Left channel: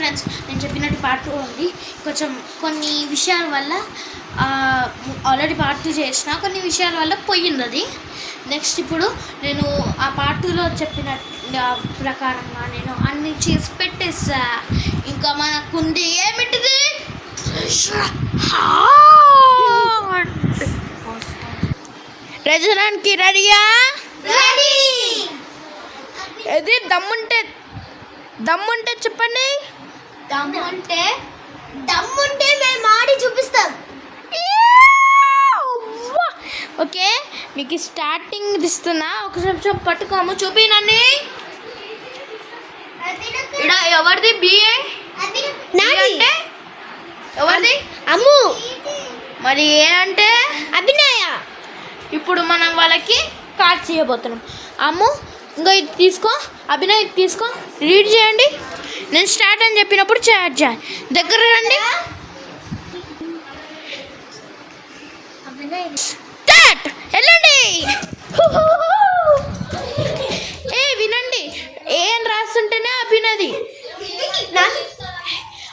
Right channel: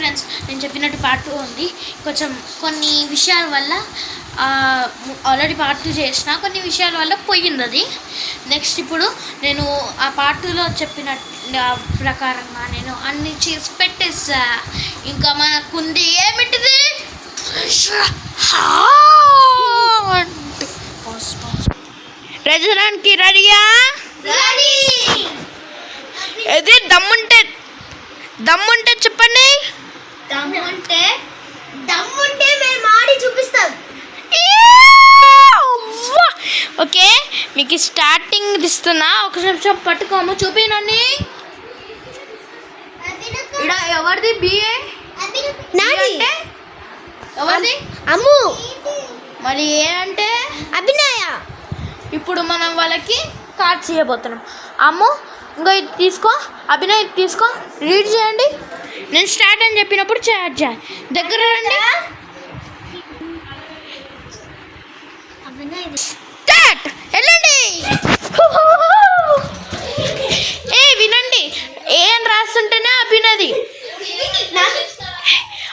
Friends, నేను చెప్పినట్టు part 2 ఉంది. కొంచెం కొన్ని విషయాల వల్ల ఆల్రెడీ పార్ట్ 2 చేసిన, కొన్ని విషయాల వల్ల పోయింది అది. నెక్స్ట్ ఇప్పుడు నేను ఆ పార్ట్ 2లో చెప్పిన ప్రకారంగా నేను అన్ని చేసి పెట్టేసా. ఇంకా మనకుంది ఏమిటిది, రెజనానికి రెడీయా? ఇది దమ్ముంటే చెప్పండి. దమ్ముంటే మేము ఆడి చూపిస్తాం. ఓకే, మీకు స్టార్టింగ్ ఇస్తున్నా. ఒక నిమిషం పట్టుకోము, చూపినండి. ఇక్కడ ఎవరిది బిఏ? అంటే ఎవరిది? అమ్ము. మరి ఏ అంటే అభినయ. ఇప్పుడు మనం వాళ్ళకి కార్డ్స్ ఇవ్వబోతున్నాం. అమ్ము ఇంకో ఇది తీసుకో, అభినయ్ ఇది తీసుకో, రీడ్ చేయండి. నేను స్టార్ట్ అని చెప్పినప్పుడు చార్జ్ చేయాలి. దగ్గర రండి. స్టార్ట్, వెళ్ళండి. వినండి, ఏం రాస్తుంటేనే అభినది.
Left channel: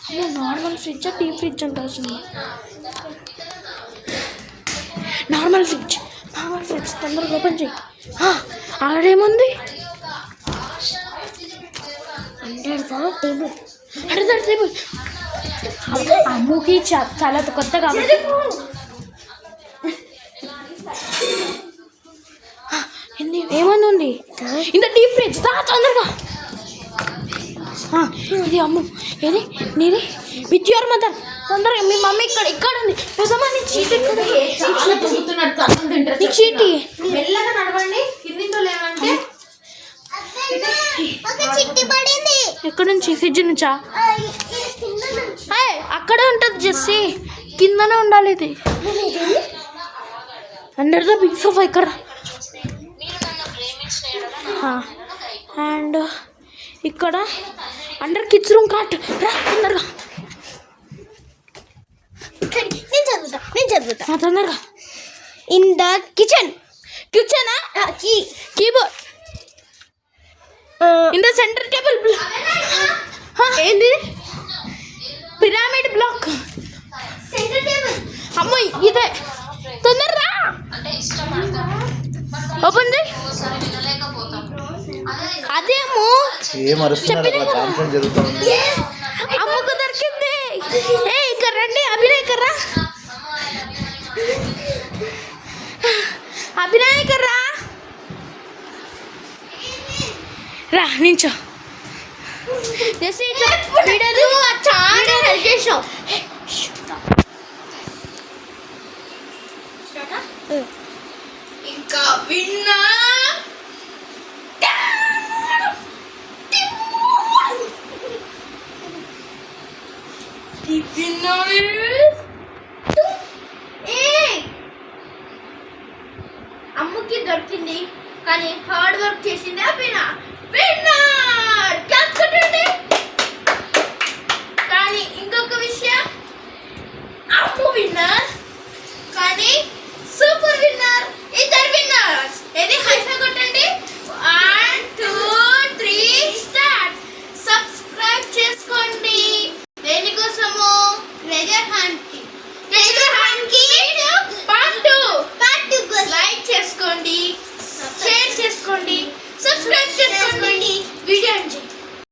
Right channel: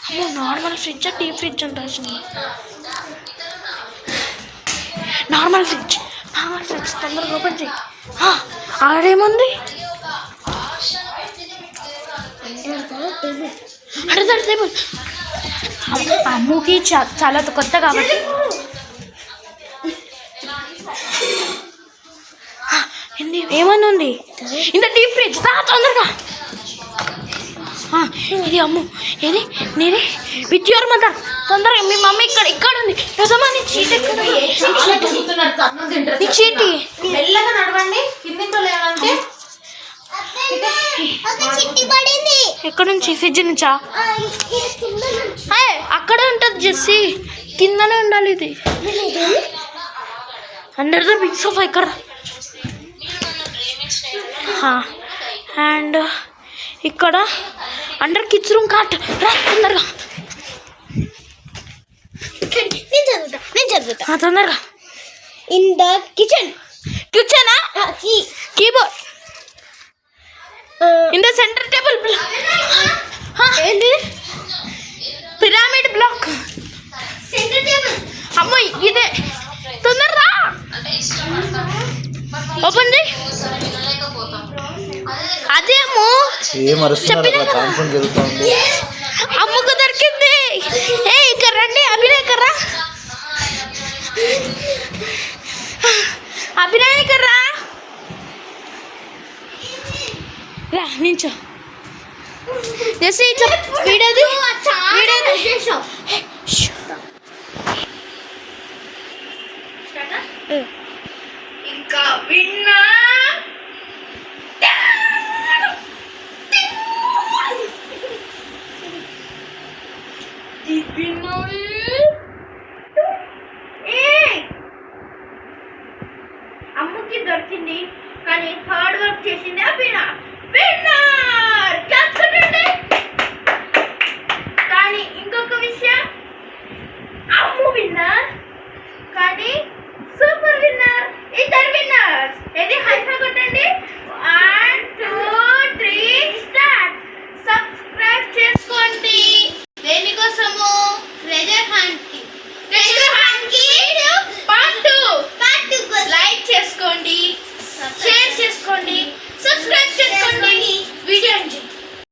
అమ్మో, నార్మల్ ఫ్రిడ్జ్ డీప్ ఫ్రిడ్జ్ ఉంటుంది. నార్మల్ ఫ్రిడ్జ్ తొందరగా ఓపెన్ చేయి. ఆడేముంది? Under table. అమ్ముకి చాలా కొత్త కాబట్టి ఏమన్నా ఉంది. ఇంత డీప్ ఫ్రిడ్జ్ తొందరగా. ఇది అమ్ము, ఏది నీది విత్ యువర్ మదర్. తొందరగా మీ మమ్మీ ఇక్కడ ఉంది. నిజమా? నీ చీటి ఎక్కడ? నీ చీటి నడవండి. ఎక్కడ నుంచి? ఫ్రిడ్జ్ నుంచా? అక్కడే ఉంటుంది జెస్సీ, కిందనే ఉండాలి. ఇది అండర్ ద బిగ్ సోఫా ఇక్కడ. అండ్ ఇక్కడ అండర్ కిడ్స్ రూమ్ కాట్. రా తొందరగా, నేను చదువుతా తొందరగా. ఇన్ ద కిచెనా? Keyboard. In the centre table. ఏంటి? Pyramid block. Centre table. అమ్మో, ఇదే. తొందరగా ఓపెన్ చేయి. అదే అమ్ము, చెప్పినా కదా అమ్ముకు దొరికింది. ఇక్కడ రండి, అభినయ్ కర్రా. అభినయ్ కర్రా, రా నించో. ఇంకా విన్నా విన్నర్